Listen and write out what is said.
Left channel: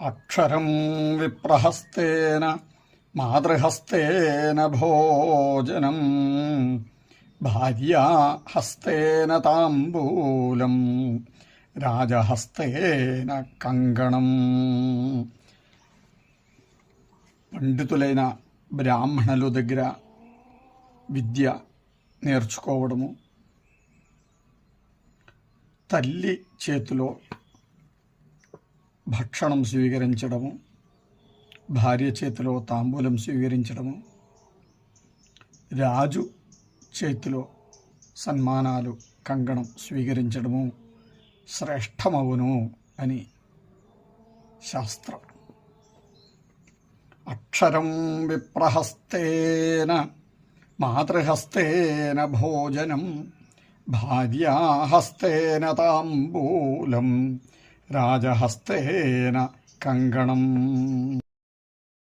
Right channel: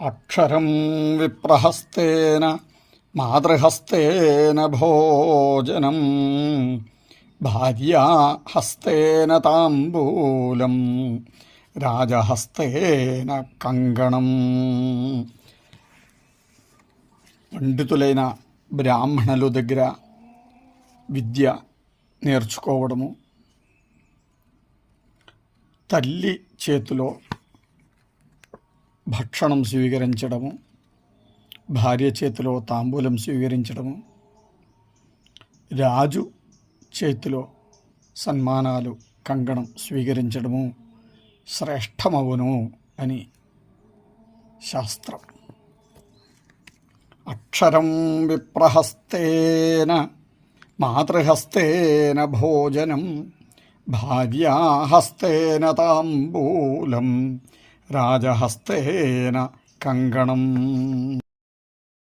അക്ഷരം വിപ്രഹസ്തേന മാതൃഹസ്തേന ഭോജനം ഭാര്യാഹസ്തേന താംബൂലം రాజహస్తేన కంగణం. పండితులైన బ్రాహ్మణుల దగ్గర విద్య నేర్చుకోవడము, తల్లి చేతిలో భక్షణం స్వీకరించడము, భార్య చేతిలో తాంబూలం స్వీకరించడము, రాజు చేతిలో సన్మానాలు కంగణం స్వీకరించడము శ్రేష్టమవును అని శాస్త్రం. అక్షరం విప్రహస్తేన మాతృహస్తేన భోజనం భార్యాహస్తేన తాంబూలం రాజహస్తేన కంగణం.